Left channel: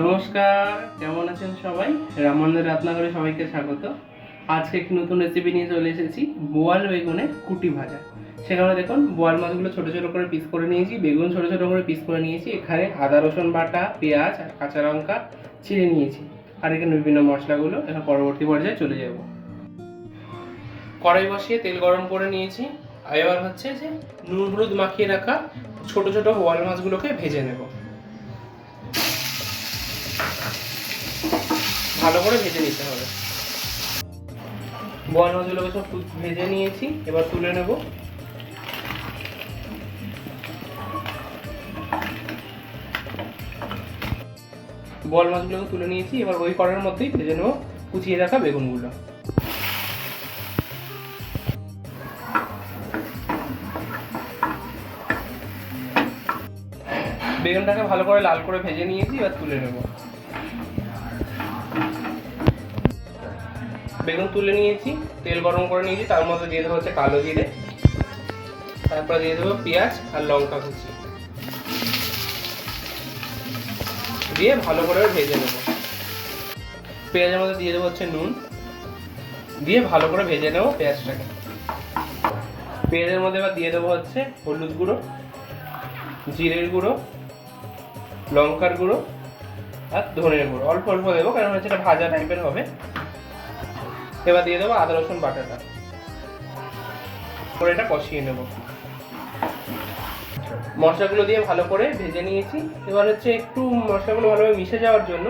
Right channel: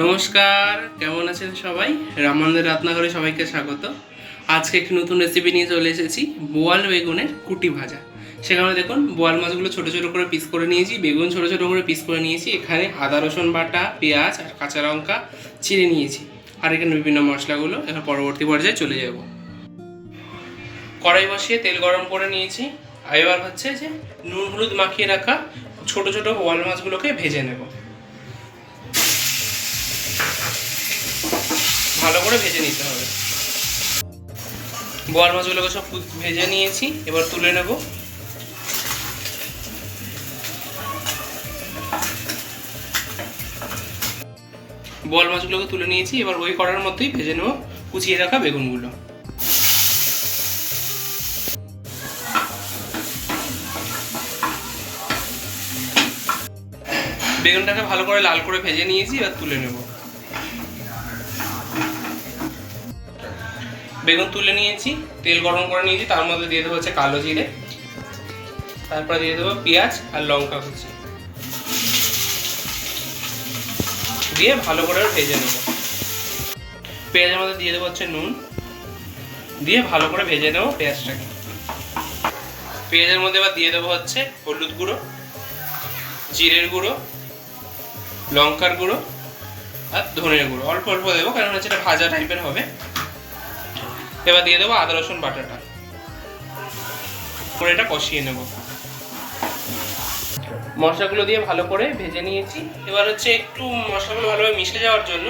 নমস্কার, কেমন আছেন সবাই? রামানন্দের রান্নাঘরে সবাইকে স্বাগত। আজকে একটি নতুন রেসিপি নিয়ে চলে এসেছি, বোয়াল বেগুনের কুটি ভাজা। সেখানে দেখুন বোয়াল মাছগুলো ছোটো ছোটো করে পিস করে নিয়েছি, বেগুন ছোটো ছোটো করে পিস করে নিয়েছি, এখানে আদা রসুন বাটা, পেঁয়াজ আর কাঁচা লঙ্কা চিড়ে নিয়েছি, আর এখানে বিভিন্ন মশলাগুলো। এখন পরবর্তী পর্যায়ে চলে যাব। কড়াই বসিয়ে তেল গরম করে নিয়েছি, আর এবার হচ্ছে যে নুন হলুদ মাখিয়ে রাখা ছোটো ছোটো বোয়াল মাছগুলোকে ভেজে নেব। ভালো করে ভেজে নিতে হবে। বোয়াল মাছগুলোকে সব ভেজে নিয়েছি, এবার তুলে নেব। বোয়াল মাছগুলোকে তুলে নিয়েছি, এবার ওই কড়ার মধ্যেই ভেজে নেব কুচিয়ে রাখা বেগুনগুলো। বেগুনটাকে ভালো করে লাল করে ভেজে নিয়েছি, এবার তুলে নেব। বেগুন তুলে নিয়েছি, তেল গরম করে নিয়েছি, তার মধ্যে দিয়ে দেবো হচ্ছে কালো জিরে, তারপরে দিয়ে দেবো পেঁয়াজ আর লঙ্কা কুচি, দিয়ে ভালো করে ভেজে নেব। পেঁয়াজের মধ্যে দিয়ে দেবো হচ্ছে নুন, দিয়ে ভালো করে ভেজে নেব পেঁয়াজটাকে। পেঁয়াজের মধ্যে এবার দিয়ে দেবো হচ্ছে হলুদ গুঁড়ো, জিরের গুঁড়ো, লঙ্কার গুঁড়ো আর ধনের গুঁড়ো। অল্প অল্প দেবো, কারণ হচ্ছে এটা ভাজা টাইপের হবে। এবার দিয়ে দেবো আদা রসুন বাটাটা, করে এটা কষিয়ে নেব। মশলাগুলো দিয়ে ভালো করে ভেজে নিয়েছি, এবার হচ্ছে একটু মশলাগুলো ভালোভাবে মিশে যাওয়ার জন্য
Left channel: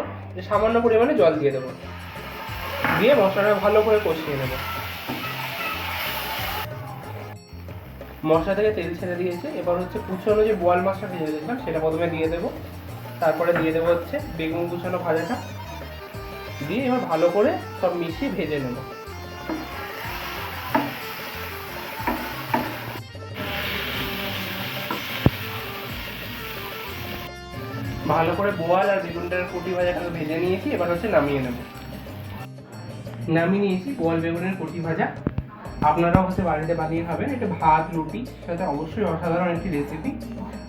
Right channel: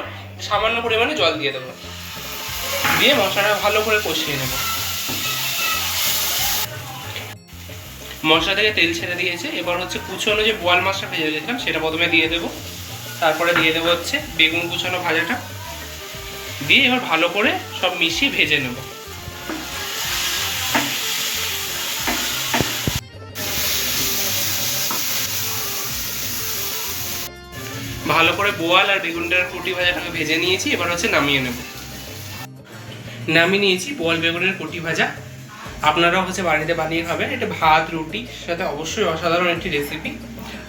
সামান্য পরিমাণে জল দিয়ে দেবো, দিয়ে মশলাটা ভালো করে কষিয়ে নেব। মশলা থেকে তেল ছেড়ে দিয়েছে, এবার হচ্ছে কুচনো যে বোয়াল মাছটা ভেজে রেখেছিলাম সেটা প্রথমে দিয়ে দেবো, তারপরে দিয়ে দেবো হচ্ছে বেগুন কুচানো ভাজাটা, দিয়ে এবার ভালো করে সব মিশিয়ে ভেজে নেব। ভালো করে বোয়াল আর বেগুনটার কুটি ভাজাটাকে ভেজে নিয়েছি, এবার হচ্ছে নামিয়ে নেব। নামিয়ে নিয়েছি বোয়াল বেগুনের কুটি ভাজা। আপনারাও হচ্ছে বাড়িতে বানিয়ে খাবেন, এটা ভাত রুটির সাথে অবশ্যই অসাধারণ একটি রেসিপি।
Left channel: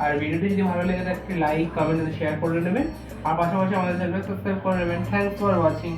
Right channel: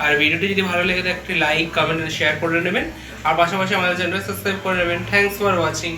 আর ভিডিওটি যদি ভালো লেগে থাকে একটি লাইক কমেন্ট শেয়ার করে নেবেন, আর পাশাপাশি আমাদের চ্যানেলটা সাবস্ক্রাইব করে নেবেন। Thanks for watching.